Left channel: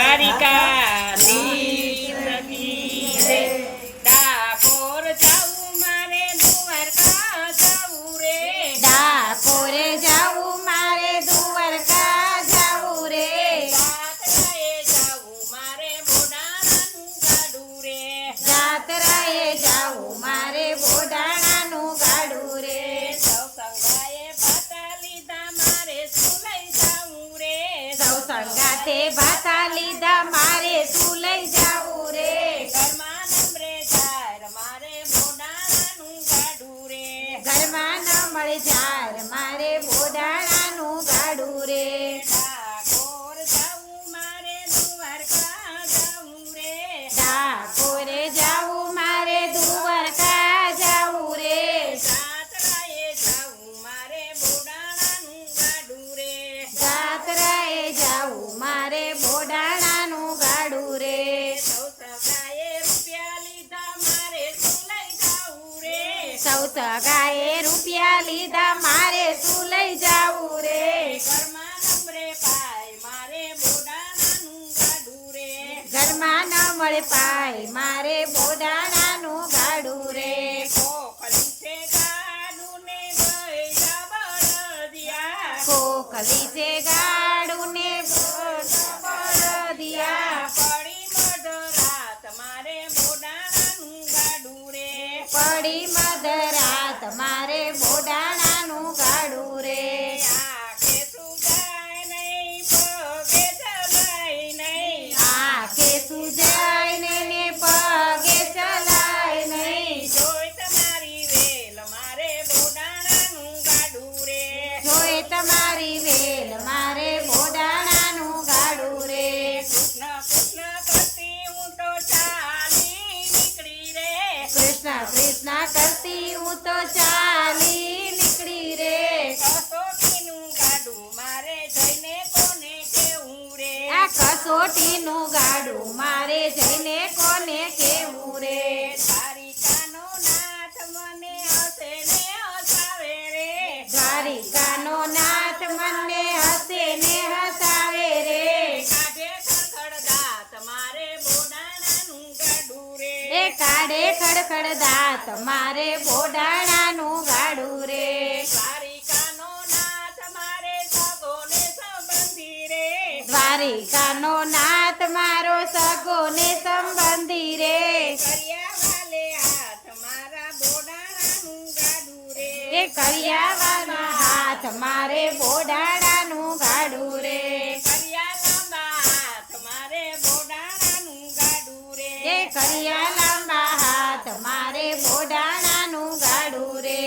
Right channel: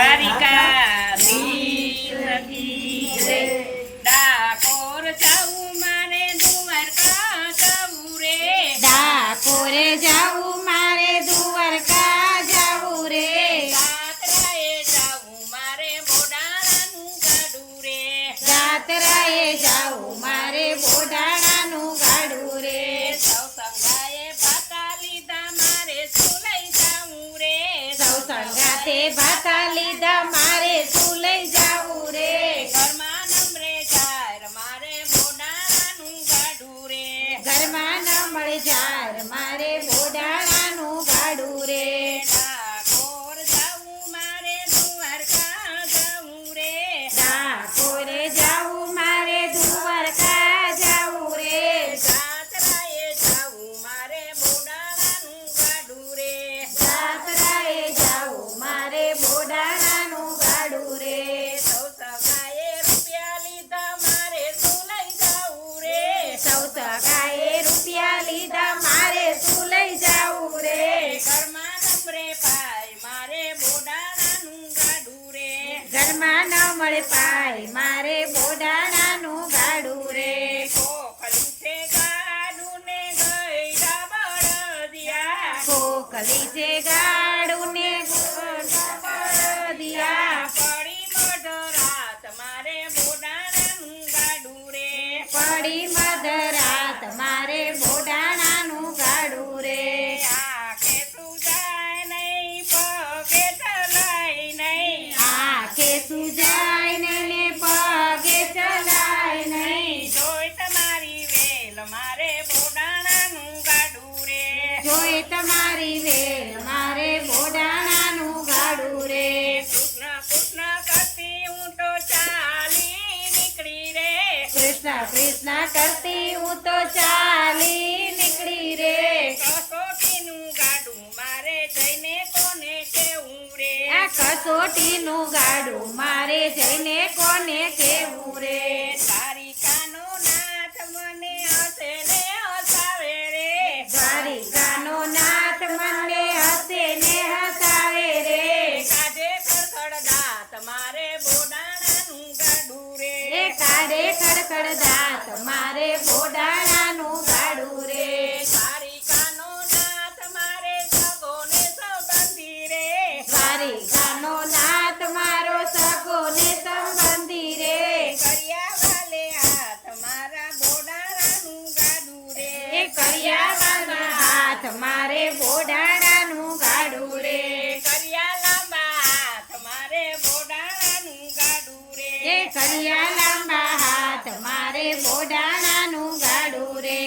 દ્વારિકાધીશ કી જય. ડાકોર જાવું મારે દ્વારકા જાવું રે. ડાકોરે જાવું મારે દ્વારકા જાવું રે. જાત્રાએ જાવું મારે બોડાણાનું ગાડું રે. જાત્રાએ જાવું મારે બોડાણાનું ગાડું રે. સૌ સંગાએ ભાતા લીધા મારે સુલઈ જાવું રે. સૌ સંગાતે ભાતા લીધા મારે શું લઈ જાવું રે. ઘરમાં નમરે જાર મારે બોડાણાનું ગાડું રે. ઘરમાં ન મળે જાર મારે બોડાણાનું ગાડું રે. ડાકોર જાવું મારે દ્વારકા જાવું રે. ડાકોરે જાવું મારે દ્વારકા જાવું રે. જાત્રાએ જાવું મારે બોડાણાનું ગાડું રે. જાત્રાએ જાવું મારે બોડાણાનું ગાડું રે. સૌ સગાએ રૂપિયા લીધા મારે સુલઈ જાવું રે. સૌ સગાએ રૂપિયા લીધા મારે શું લઈ જાવું રે. ઘરમાં નમરે પાય મારે બોડાણાનું ગાડું રે. ઘરમાં ન મળે પાય મારે બોડાણાનું ગાડું રે. ખોખલું છે ગાડું ને ગયડા બળદિયા. ખોખલી છે ગાડું ને દિયા. પડી મધરાત મારે બોડાણાનું ગાડું રે. પડી મધરાત મારે બોડાણાનું ગાડું રે. આંખે સુજાય નહીં પગે ચલાય નહીં. આંખે સુજાય નહીં ને પગે ચલાય નહીં. જોઈ તમારી વેલ મારે બોડાણાનું ગાડું રે. જોઈ તમારી વેલ મારે બોડાણાનું ગાડું રે. કૃષ્ણ કૃષ્ણ કરતી હું તો ચાલી નીકળી રે. કૃષ્ણ કૃષ્ણ કરતી હું તો ચાલી નીકળી રે. કસોટીનું ગાડું મારે જઈને કોને કેવું રે. આ કસોટીનું ગાડું મારે જઈને કોને કેવું રે. દ્વારિકાનો નાથ મને હસે ને હસાવે રે. દ્વારિકાનો નાથ મને હસે ને હસાવે રે. કાઢે ખડખડ દાંત મારે બોડાણાનું ગાડું રે. એ કાઢે ખડખડ દાંત મારે બોડાણાનું ગાડું રે. દ્વારિકાનો નાથ મારે સગો ને સંબંધી રે. દ્વારિકાનો નાથ મારો સગો ને સંબંધી રે. કરિયા વાલે હાથ મારા બોડાણાનું ગાડું રે. એ કરિયાવાના હાથ મારે બોડાણાનું ગાડું રે. કરિયા લાંબા હાથ મારે બોડાણાનું ગાડું રે. એ કરિયા લાંબા હાથ મારે બોડાણાનું ગાડું રે.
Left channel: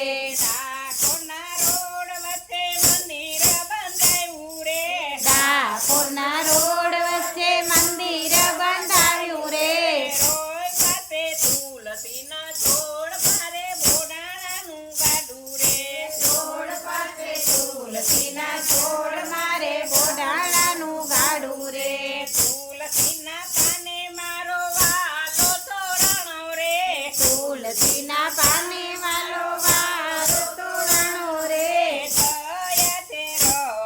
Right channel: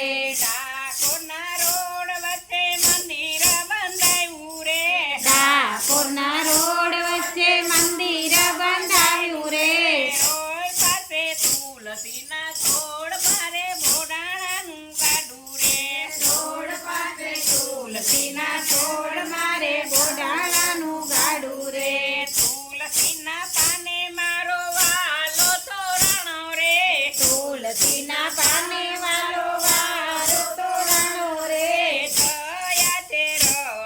ડાકોરના રોડ વચ્ચે મંદિર બંધાયું રે. ડાકોરના રોડ વચ્ચે મંદિર બંધાયું રે. રોય પાસે તુલસીના છોડ મારે બોડાણાનું ગાડું રે. રોડ પાસે તુલસીના છોડ મારે બોડાણાનું ગાડું રે. તુલસીના પાને મારો વાલો તોરણો રે. તુલસીના પાને વાલો વાર તોરણો રે. થયા છે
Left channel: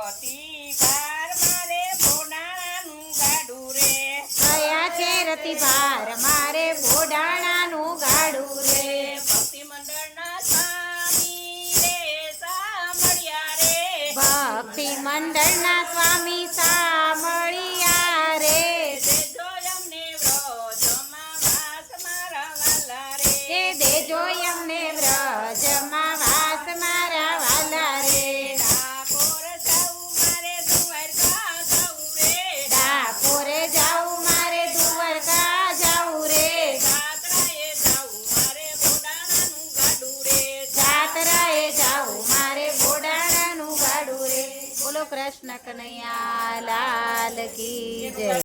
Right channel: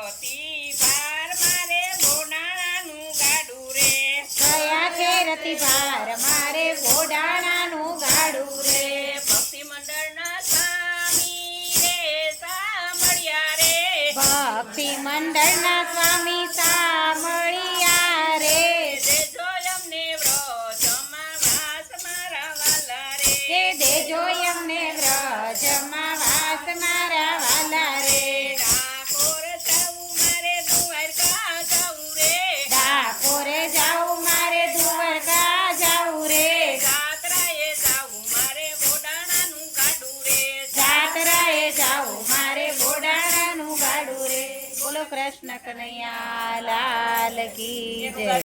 રતી ભાર મારે બોડાણાનું ગાડું રે. કયા છે રતિભાર મારે બોડાણાનું ગાડું રે. ભક્તિ મંડળના સ્વામી રે સાંભળ્યા રે. ભક્તિ મંડળના સ્વામી સાંભળ્યા રે. દેજો અમને વ્રજમાં વાસ મારા વાલા રે. કે દેજો એમને વ્રજમાં વાસ મારા વાલા રે. ડાકોર જાવું મારે દ્વારકા જાવું રે. ડાકોરે જાવું મારે દ્વારકા જાવું રે. જાત્રાએ જાવું મારે બોડાણાનું ગાડું રે. જાત્રાએ જાવું મારે બોડાણાનું ગાડું રે. બોલો કૃષ્ણ કનૈયા લાલ કી જય.